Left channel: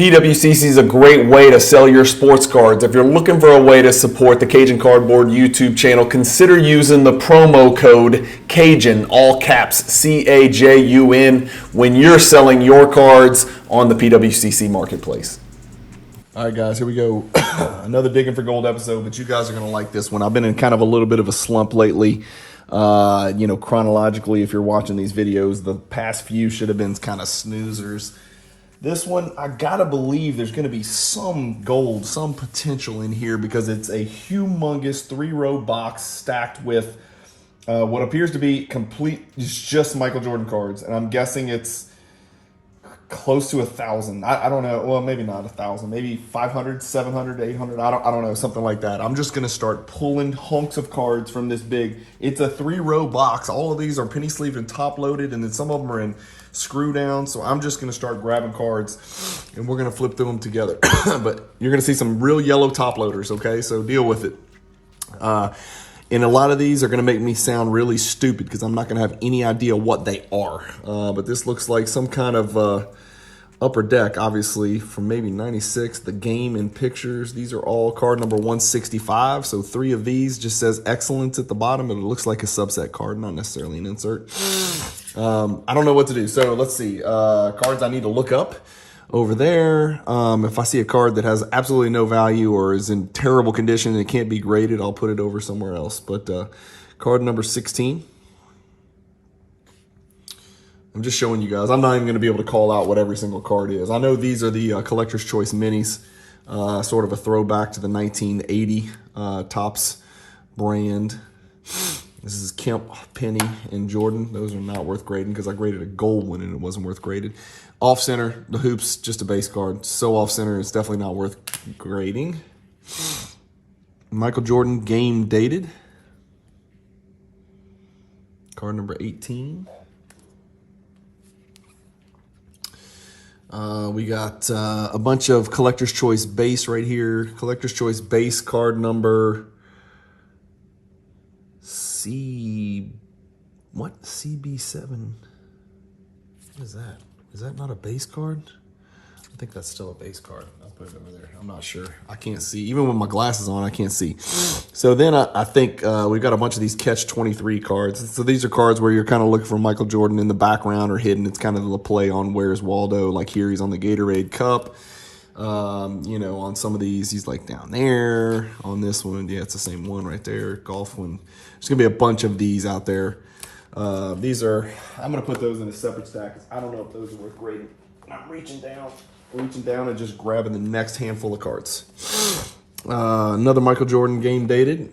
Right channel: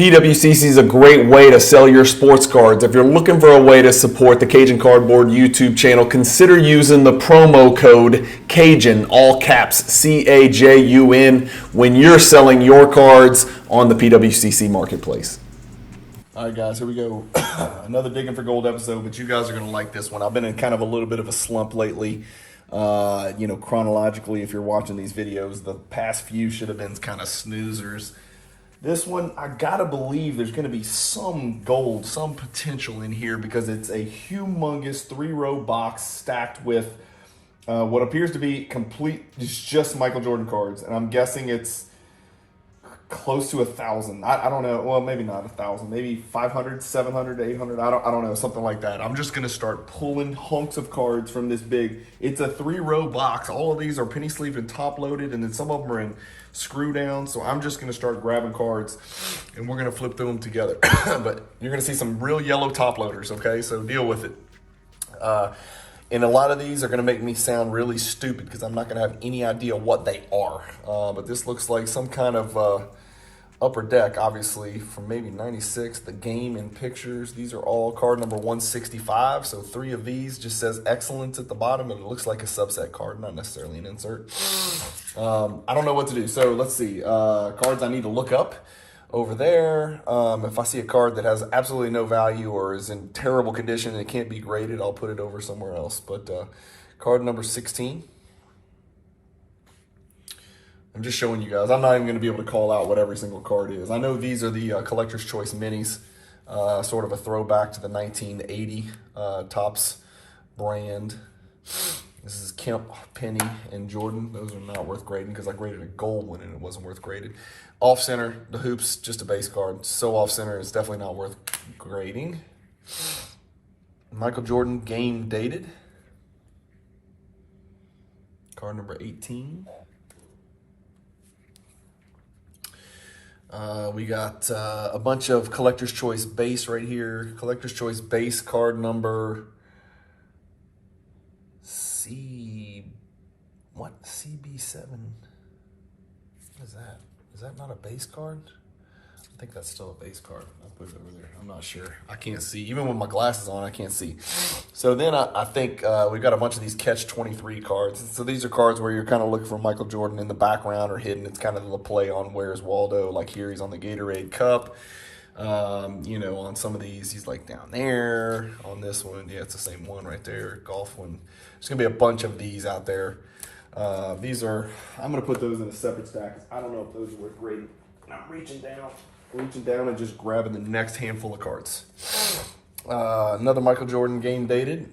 PWCC is a great way to sell your sports cards. If you're looking for a way to support the Cajun Cardboard YouTube channel, consider using the promo code Cajun, all caps, CAJUN, when you're selling your cards on the PWCC marketplace. All right, guys, here we go. Another Digging for Gold episode, but you guys are going to like this one. I've been in kind of a little bit of a slump lately. Chronologically, if you're watching these videos, the past few should have been kind of snoozers. This one, I gotta believe there's gonna be some gold, some potential in here because it's a humongous 3-row box stacked with what appears to be it's just Michael Jordan cards. And I'm guessing it's close to 1,000. I don't know. Well, maybe not 1,000, maybe 500, 700, 800. I don't know, something like that. I'm just gonna start pulling hunks of cards from this big. It's a 3-row box. All of these are penny sleeved and top loaded, and then some of them are in screw down. So I'm just gonna start grabbing cards and we're gonna flip through them together. But you're gonna see some real yellow top loaders, okay? So deal with it. And a lot of these are gonna make me sound really stupid because I'm not gonna have any idea what they are. But this looks like some kind of upper deck, obviously, from maybe 96, the game and pictures. These are all card number 165. So 3 of these just says excellence at the bottom, and it looks like a subset card, not necessarily an insert. I don't know what to do. So let's see, cards I need to look up over there. If I see a card that has absolutely no value or is in terrible condition and it can't be graded, I'll put it over somewhere else. But card number 16. I'm just showing you guys. I'm not even going to be able to call out what every single card is. I know these are the Collector's Choice Minis, sort of a throwback to the 1980 Topps brand. This is Kemp, Penny, and Jordan. Those are not worth grading because I graded a gold one and it wasn't worth graded. Off center, the hoops, just a base card. So off center, it's definitely not worth grading. Michael Jordan, game dated. Card number 18. We got a bunch of Collector's Choice base right here. Collector's Choice base card number CB7. What is that? Is that not a base card? I think that's still a base card. I'll put it over there. I'm not sure. I can't see. Even with my glasses on, I can't see. So then I think we've got a bunch of these Catch 23 cards. So these are cards where you're kind of looking for Michael Jordan in the background or hidden. It's kind of the play on Where's Waldo. Like here, he's on the Gatorade Cup. On some of these, he's like down there. On this one, yeah, it's the same one right there. Golf one. There's going to be a bunch of these out there. I'm going to put those in a separate stack because I don't know if those are worth grading. I'm reaching down and just grabbing the next handful of cards. Another Michael Jordan game dated.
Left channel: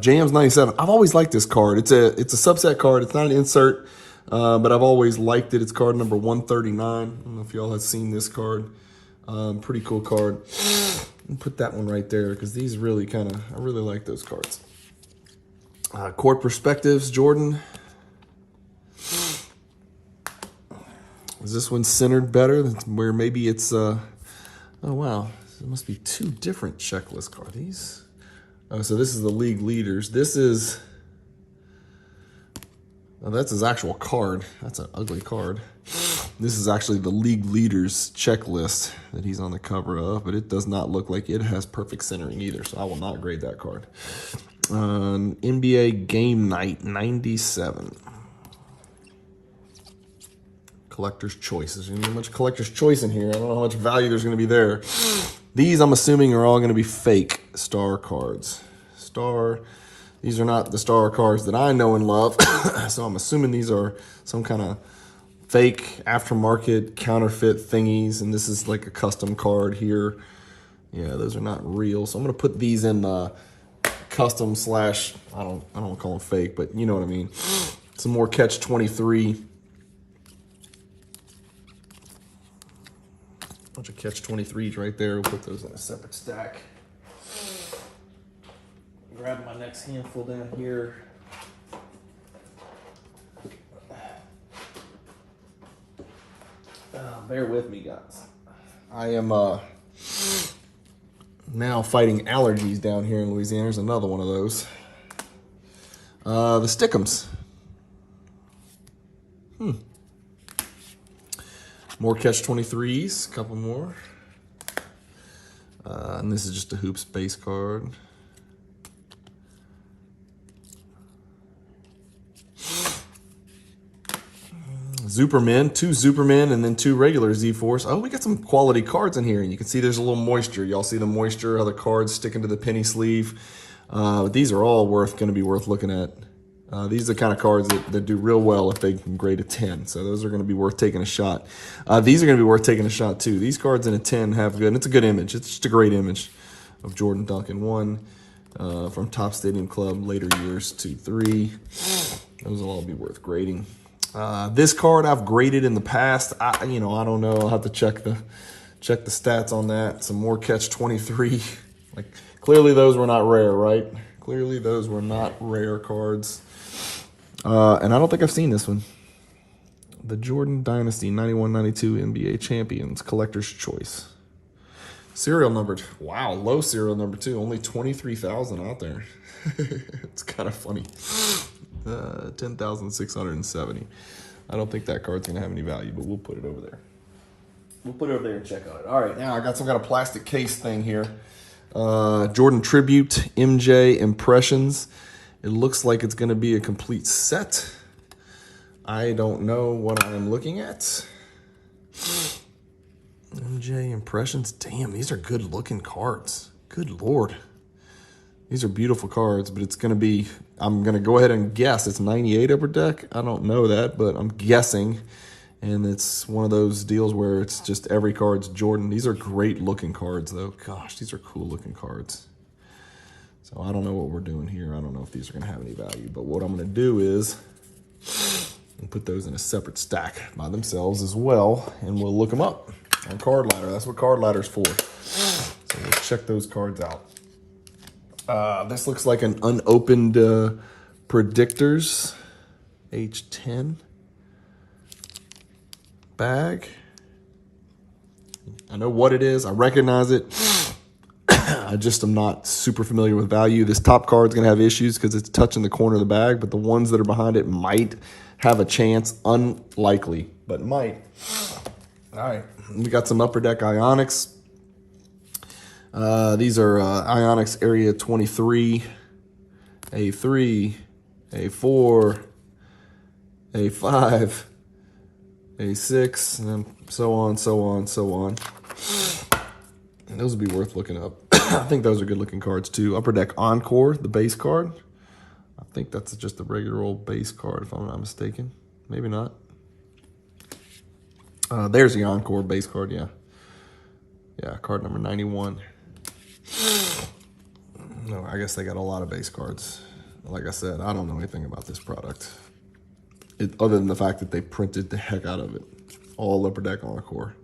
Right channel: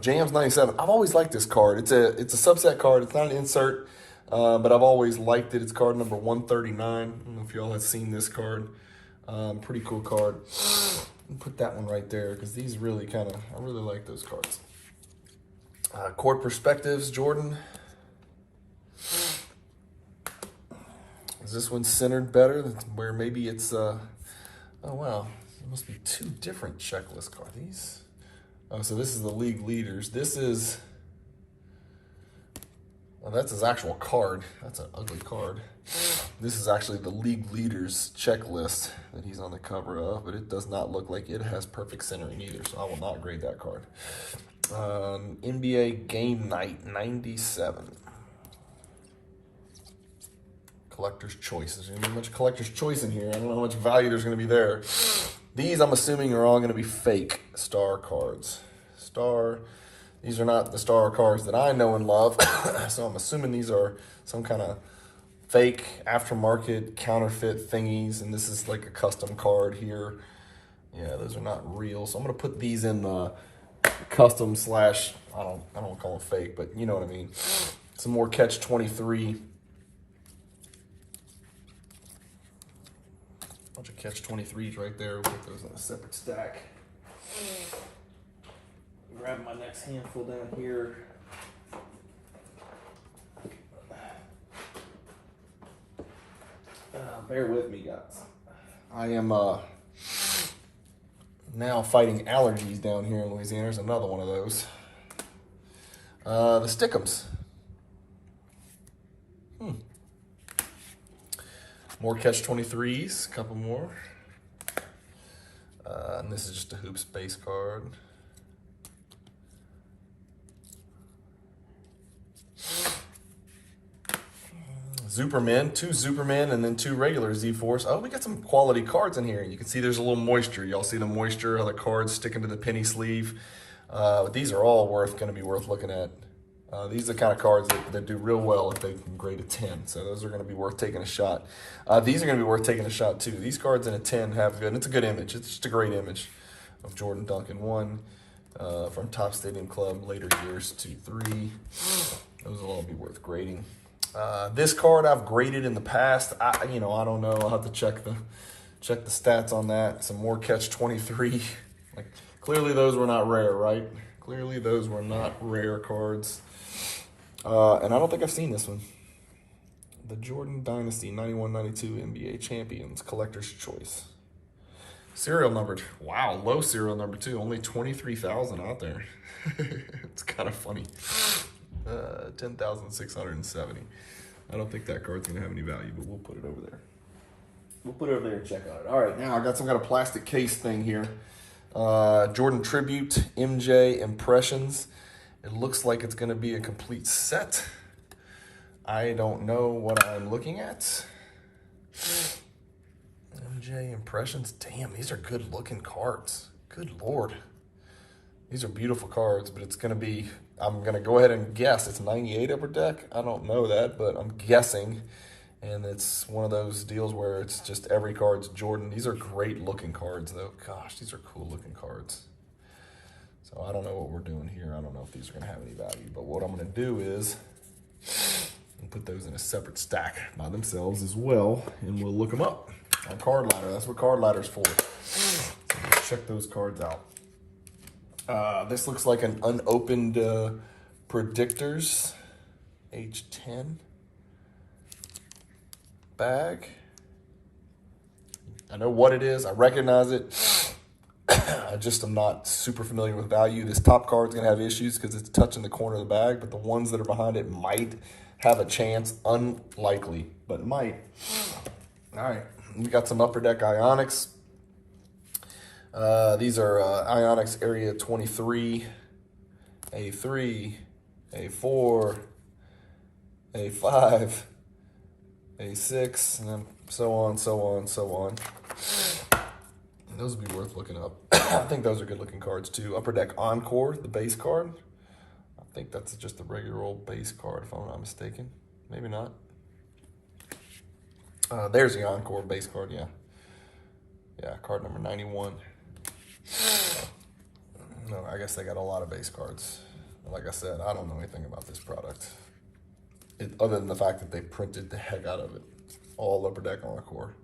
Jams 97. I've always liked this card. It's a subset card. It's not an insert, but I've always liked it. It's card number 139. I don't know if y'all have seen this card. Pretty cool card. Put that one right there because these really I really like those cards. Court Perspectives, Jordan. Is this one centered better? Where maybe it's, oh wow, there must be 2 different checklist cards. These? Oh, so this is the league leaders. This is, oh, that's his actual card. That's an ugly card. This is actually the league leaders checklist that he's on the cover of, but it does not look like it has perfect centering either, so I will not grade that card. NBA Game Night 97. Collector's Choice. There's going to be much Collector's Choice in here. I don't know how much value there's going to be there. These, I'm assuming, are all going to be fake star cards. These are not the star cards that I know and love. So I'm assuming these are some kind of fake aftermarket counterfeit thingies. And this is like a custom card here. Yeah, those are not real. So I'm going to put these in custom / I don't call them fake, but you know what I mean. Some more Catch 23. Bunch of Catch 23s right there. We'll put those in a separate stack. Grab my next handful down here. Bear with me, guys. I am now fighting allergies down here in Louisiana. There's another one of those. The Stick'ems. More catch 23s, a couple more. And this is just a Hoops base card. Superman, 2 Superman, and then 2 regular Z-Force. Oh, we got some quality cards in here. You can see there's a little moisture. Y'all see the moisture, how the cards sticking to the penny sleeve. These are all going to be worth looking at. These are the kind of cards that do real well if they can grade a 10. So those are going to be worth taking a shot. These are going to be worth taking a shot too. These cards in a 10 have good, and it's a good image. It's just a great image of Jordan Duncan. 1 from Top Stadium Club, later years, 2, 3. Those will all be worth grading. This card I've graded in the past. I don't know. I'll have to check the stats on that. Some more catch 23. Like clearly those were not rare, right? Clearly those were not rare cards. And I don't think I've seen this one. The Jordan Dynasty 91-92 NBA Champions Collector's Choice. Serial numbered. Wow, low serial number too. Only 23,000 out there. It's kind of funny. 10,670. I don't think that card's gonna have any value, but we'll put it over there. We'll put it over there and check on it. All right, now I got some kind of plastic case thing here. Jordan Tribute MJ Impressions. It looks like it's gonna be a complete set. I don't know what I'm looking at. MJ Impressions. Damn, these are good looking cards. Good Lord. These are beautiful cards, but it's gonna be, I'm gonna go ahead and guess it's 98 upper deck. I don't know that, but I'm guessing. And it's one of those deals where it's just every card's Jordan. These are great looking cards though. Gosh, these are cool looking cards. So I don't know what we're doing here. I don't know if these are gonna have any value, but what I'm gonna do is put those in a separate stack by themselves as well, and we'll look them up on Card Ladder. That's what Card Ladder's for. So let's check those cards out. This looks like an unopened Predictors H10 bag. I know what it is. I recognize it. I just am not super familiar with value. This top card's gonna have issues because it's touching the corner of the bag, but the ones that are behind it might have a chance. Unlikely, but might. All right, we got some Upper Deck Ionics. These are Ionics Area 23, A3, A4, A5, A6, and then so on, so on, so on. And those would be worth looking up. I think those are good looking cards too. Upper Deck Encore, the base card. I think that's just a regular old base card if I'm not mistaken. Maybe not. There's the Encore base card, yeah. Yeah, card number 91. No, I guess they got a lot of base cards. Like I said, I don't know anything about this product. Other than the fact that they printed the heck out of it. All Upper Deck Encore.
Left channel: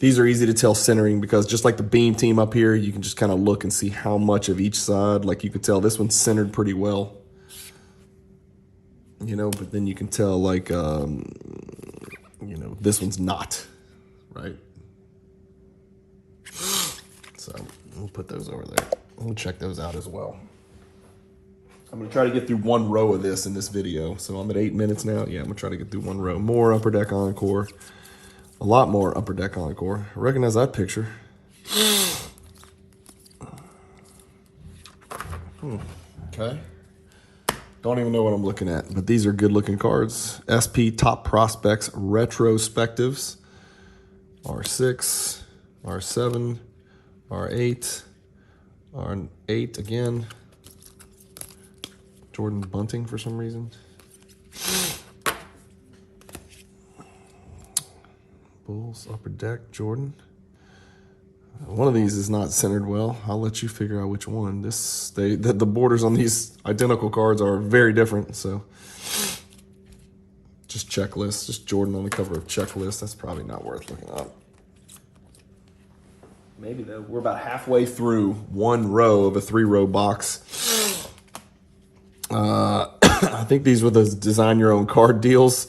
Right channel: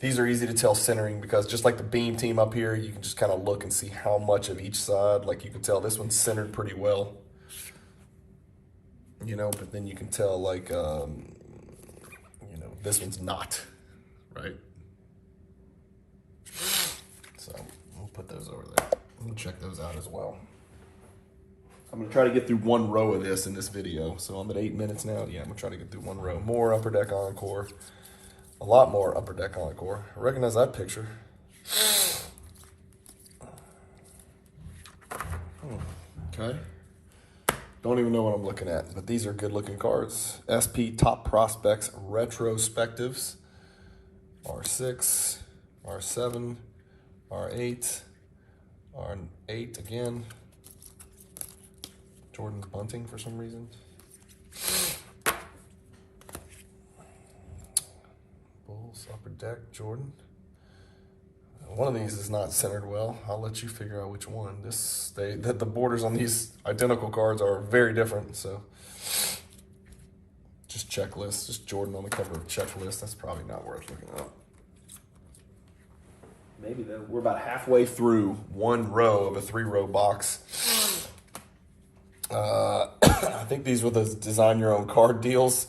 These are easy to tell centering because just like the beam team up here, you can just kind of look and see how much of each side. Like you can tell this one's centered pretty well. You know, but then you can tell like, this one's not, right? So we'll put those over there. We'll check those out as well. I'm gonna try to get through one row of this in this video. So I'm at 8 minutes now. Yeah, I'm gonna try to get through one row. More Upper Deck Encore. A lot more Upper Deck Encore. I recognize that picture. Okay. Don't even know what I'm looking at, but these are good looking cards. SP Top Prospects Retrospectives. R6, R7, R8, R8 again. Jordan Bunting for some reason. Bulls, Upper Deck, Jordan. One of these is not centered well. I'll let you figure out which one. The borders on these identical cards are very different, so. Just checklist, just Jordan on the cover of checklist. That's probably not worth looking up. Maybe though. We're about halfway through one row of a 3-row box. I think these were those design your own card deals.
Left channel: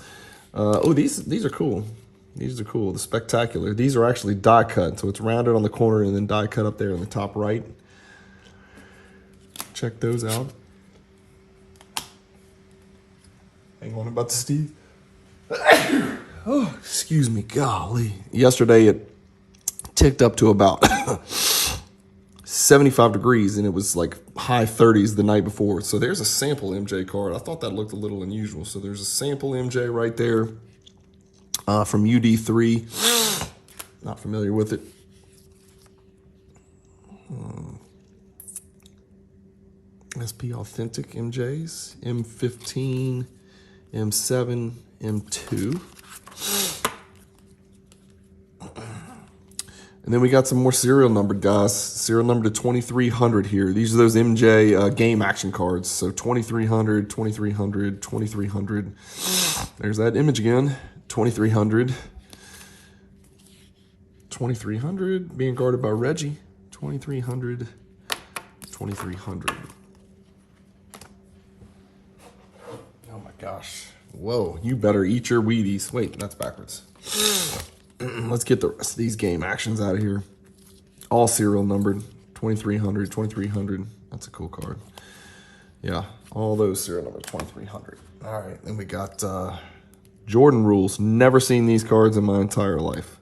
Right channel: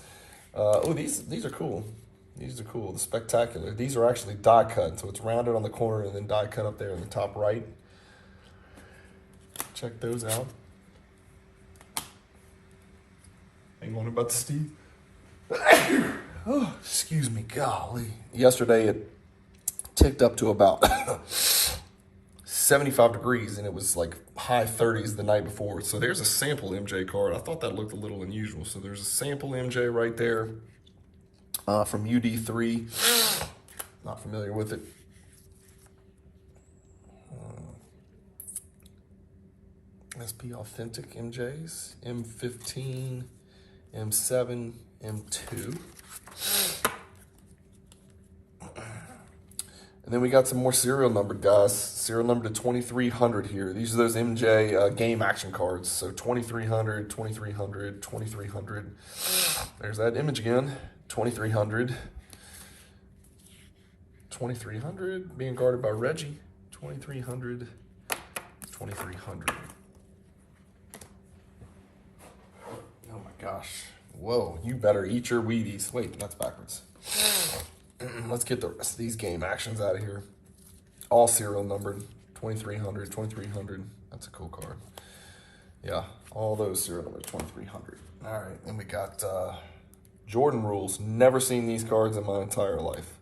Oh, these are cool. These are cool. The Spectacular. These are actually die cut, so it's rounded on the corner and then die cut up there on the top right. Check those out. Hang on about Steve. Oh, excuse me, golly. Yesterday it ticked up to about 75 degrees, and it was like high 30s the night before. So there's a sample MJ card. I thought that looked a little unusual. So there's a sample MJ right there from UD3. Not familiar with it. SP Authentic MJs, M15, M7, M2. And then we got some more serial numbered guys. Serial number to 2300 here. These are those MJ game action cards. So 2300, 2300, 2300. There's that image again. 2300. 2300 being guarded by Reggie. 2300. 2300. Oh my gosh. Whoa, you better eat your Wheaties. Wait, that's backwards. Let's get the rest of these game actions out of here. All serial numbered. 2300, 2300. That's a cool card. Yeah, all those serial numbers, 2300. All right, then we got Jordan rules. Never seen these cards in my entire life.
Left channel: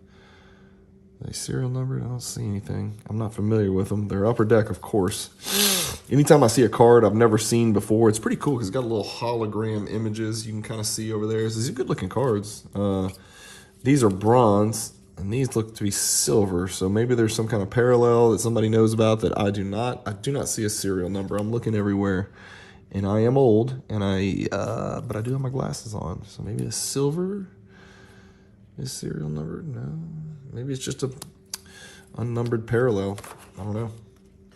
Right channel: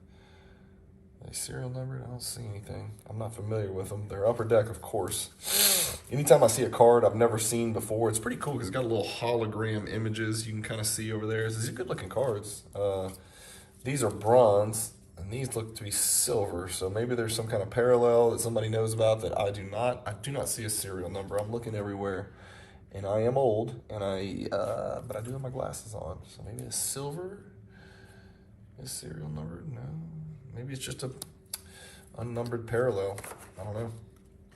Are they serial numbered? I don't see anything. I'm not familiar with them. They're upper deck, of course. Anytime I see a card I've never seen before, it's pretty cool because it's got little hologram images you can kind of see over there. These are good looking cards. These are bronze, and these look to be silver. So maybe there's some kind of parallel that somebody knows about that I do not. I do not see a serial number. I'm looking everywhere, and I am old, and but I do have my glasses on. So maybe a silver is serial number. No, maybe it's just a unnumbered parallel. I don't know.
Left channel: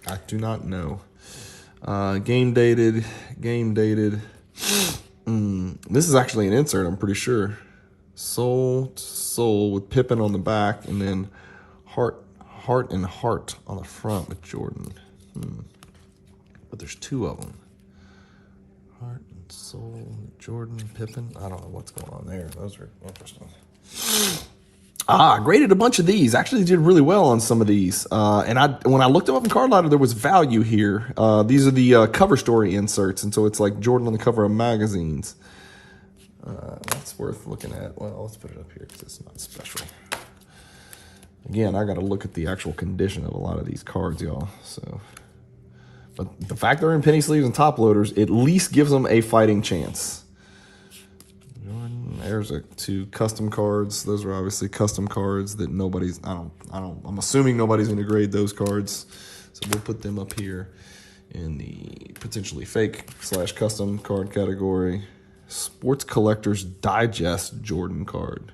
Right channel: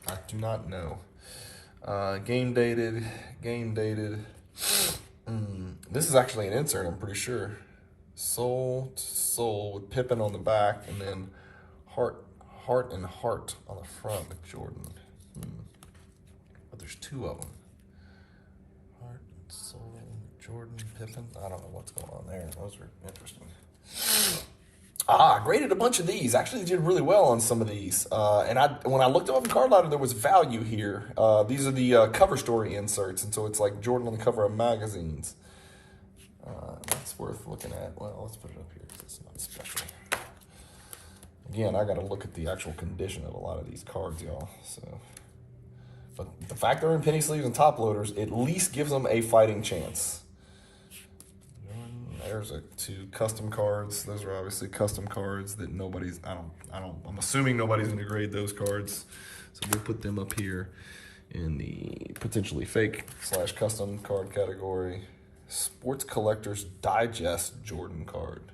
I do not know. Game dated. This is actually an insert, I'm pretty sure. Soul to soul with Pippen on the back, and then heart and heart on the front with Jordan. But there's two of them. Heart and soul, Jordan, Pippen. I don't know what's going on there. Those are interesting. I graded a bunch of these. Actually did really well on some of these. And when I looked them up in Card Ladder, there was value here. These are the cover story inserts, and so it's like Jordan on the cover of magazines. That's worth looking at. Well, let's put it up here because it's not special. Again, I got to look at the actual condition of a lot of these cards, y'all. So, but the fact they're in penny sleeves and top loaders at least gives them a fighting chance. There's two custom cards. Those are obviously custom cards that nobody's. I'm assuming nobody's going to grade those cards, so we'll put them up here in the potentially fake / custom card category. Sports Collectors Digest Jordan card.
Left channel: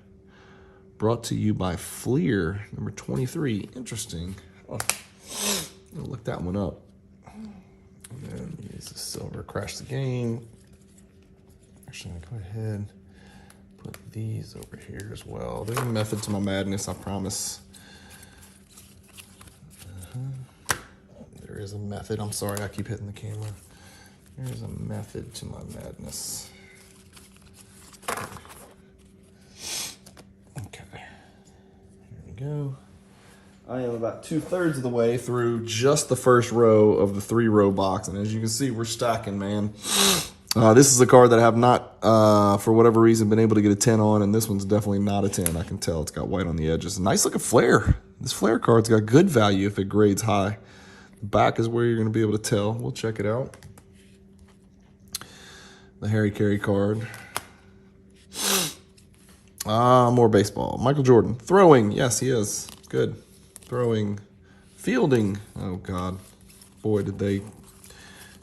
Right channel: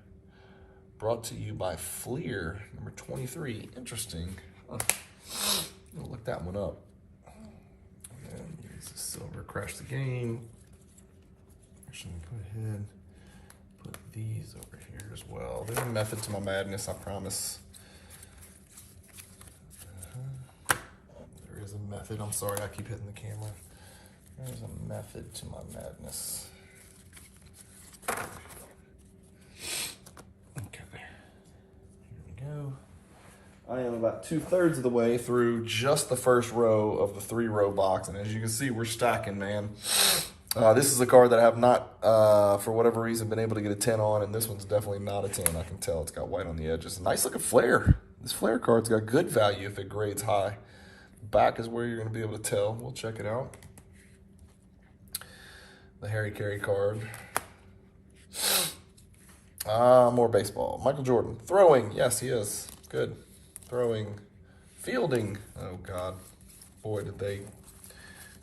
Brought to you by Fleer, number 23. Interesting. Oh, I'll look that one up. And here's the silver. Crash the Game. Actually, go ahead. Put these over here as well. There's a method to my madness, I promise. There is a method. I'm sorry, I keep hitting the camera. There's a method to my madness. Okay, here we go. I am about 2/3 of the way through just the first row of the 3-row box, and as you can see, we're stacking, man. This is a card that I have not, for whatever reason, been able to get a 10 on, and this one's definitely not a 10. I can tell it's got white on the edges. Nice looking flare. This flare card's got good value if it grades high. Back is where you're going to be able to tell. We'll check it out. The Harry Carey card. More baseball. Michael Jordan. Throwing. Yes, he is. Good. Throwing. Fielding. Oh, God. Boy, did they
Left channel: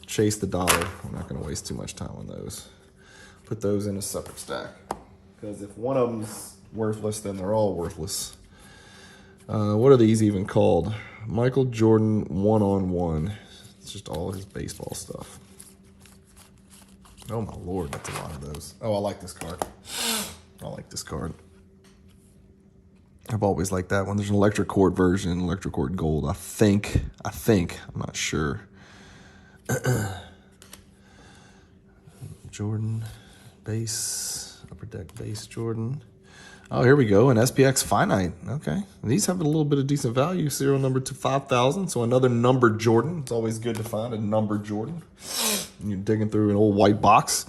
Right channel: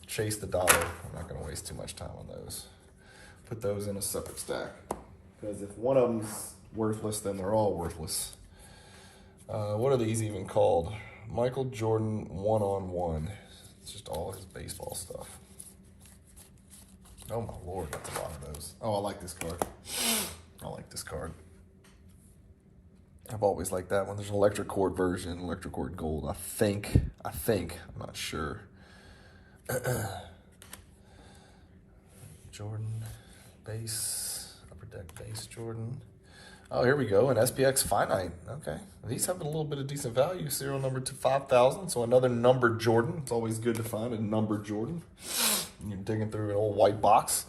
chase the dollar. I'm not going to waste too much time on those. Put those in a separate stack. Because if one of them's worthless, then they're all worthless. What are these even called? Michael Jordan 1-on-1. It's just all his baseball stuff. Oh my Lord, that's a lot of those. Oh, I like this card. I like this card. I've always liked that one. There's an electric cord version, electric cord gold. I think, I'm not sure. Jordan, base, upper deck base Jordan. Oh, here we go, an SPX finite. Okay, these have a little bit of decent value. Serial number to 5,000, so another numbered Jordan. It's always good to find a numbered Jordan. And you're digging through an old white box.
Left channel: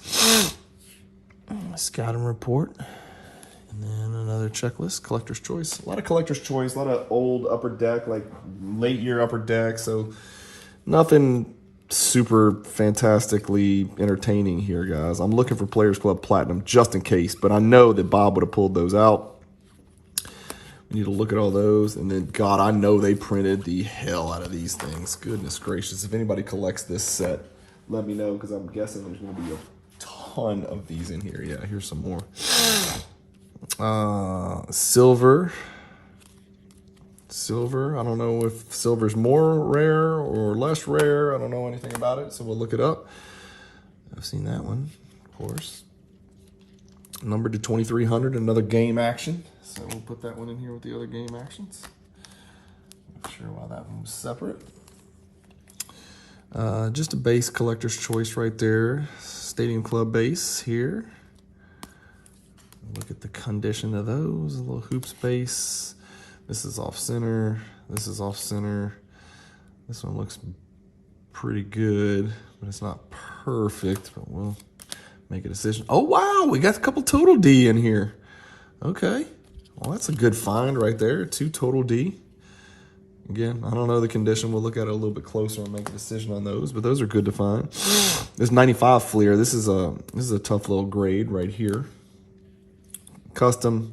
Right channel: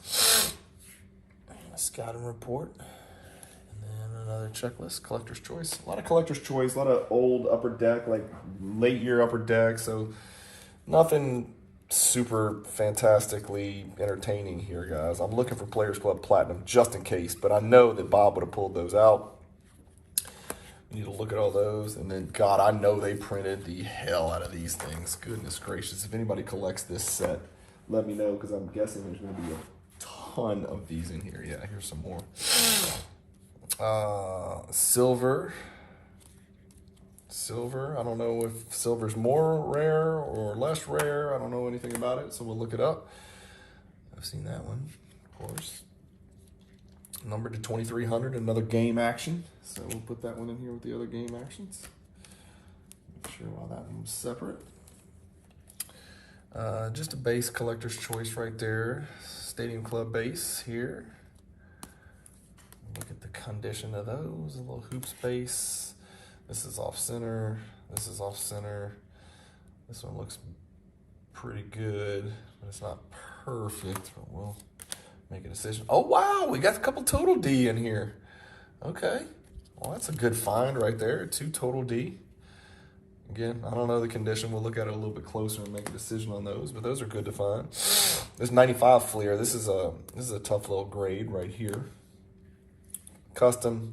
Scouting report. And then Another checklist, collector's choice. A lot of collector's choice, a lot of old upper deck, like late year upper deck. So nothing super fantastically entertaining here, guys. I'm looking for Players Club Platinum just in case, but I know that Bob would have pulled those out. We need to look at all those. And then, God, I know they printed the hell out of these things. Goodness gracious. If anybody collects this set, let me know, because I'm guessing there's going to be a ton of these in here. Yeah, here's some more. Silver. I don't know if silver's more rare or less rare. I don't know anything about it, so we'll look it up. I've seen that one, of course. Numbered to 2300, another game action. So we'll put that one in here with the other game actions. Not sure why that one was separate. Just a base collector's choice right there. Stadium Club base here. Look at the condition of those. A little hoops base. This is off center. This is off center. This one looks pretty good, but it's not perfect. We'll make a decision. Oh, wow, we got a couple Total D in here. Okay, well, that's a good find right there. 2 Total D. Again, I don't know the condition. We'll look at it a little bit closer and make a decision on those, but those are good to find. This 95 Fleer, this is a tough little grade right here. Custom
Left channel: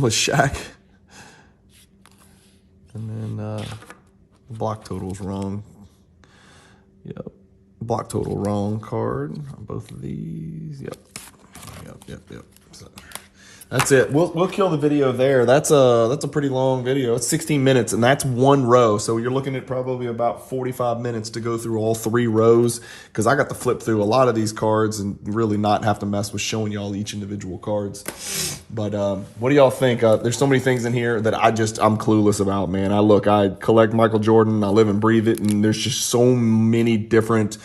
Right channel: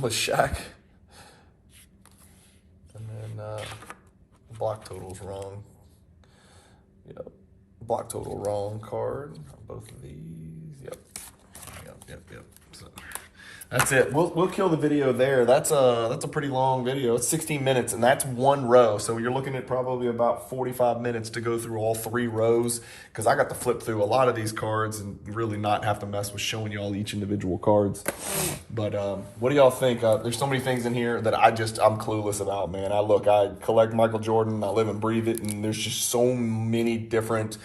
with Shaq. And then block total's wrong. Yep. Block total wrong card on both of these. Yep. So, that's it. We'll kill the video there. That's a pretty long video. It's 16 minutes, and that's one row. So you're looking at probably about 45 minutes to go through all 3 rows, because I got to flip through a lot of these cards and really not have to mess with showing y'all each individual cards. But what do y'all think? There's so many things in here that I'm clueless about, man. I collect Michael Jordan. I live and breathe it, and there's just so many different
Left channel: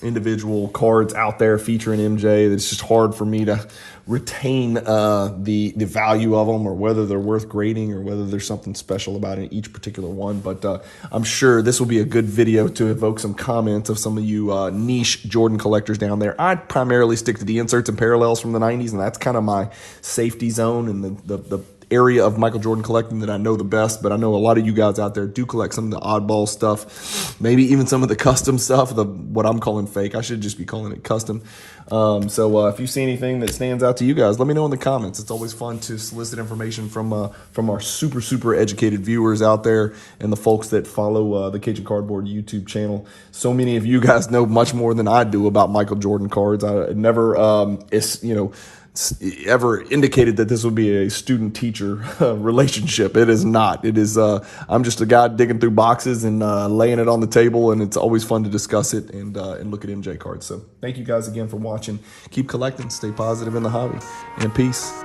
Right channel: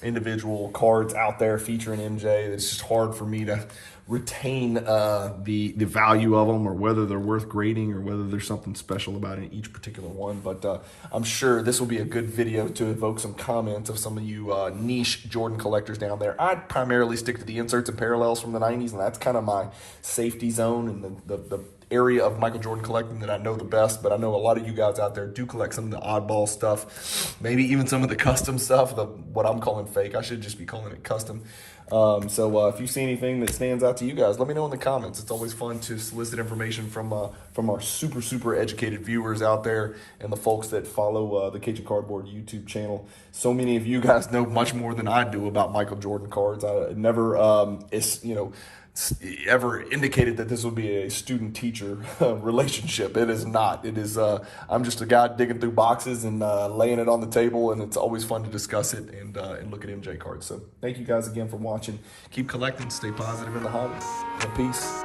individual cards out there featuring MJ. It's just hard for me to retain the value of them, or whether they're worth grading, or whether there's something special about it, each particular one. But I'm sure this will be a good video to evoke some comments of some of you niche Jordan collectors down there. I primarily stick to the inserts and parallels from the 90s, and that's kind of my safety zone and the area of Michael Jordan collecting that I know the best. But I know a lot of you guys out there do collect some of the oddball stuff, maybe even some of the custom stuff, what I'm calling fake. I should just be calling it custom. So if you see anything that stands out to you guys, let me know in the comments. It's always fun to solicit information from our super educated viewers out there, and the folks that follow the Cajun Cardboard YouTube channel. So many of you guys know much more than I do about Michael Jordan cards. I never ever indicated that this would be a student-teacher relationship. It is not. It is. I'm just a guy digging through boxes and laying it on the table, and it's always fun to discuss it and look at MJ cards. So thank you guys again for watching. Keep collecting. Stay positive in the hobby. And peace.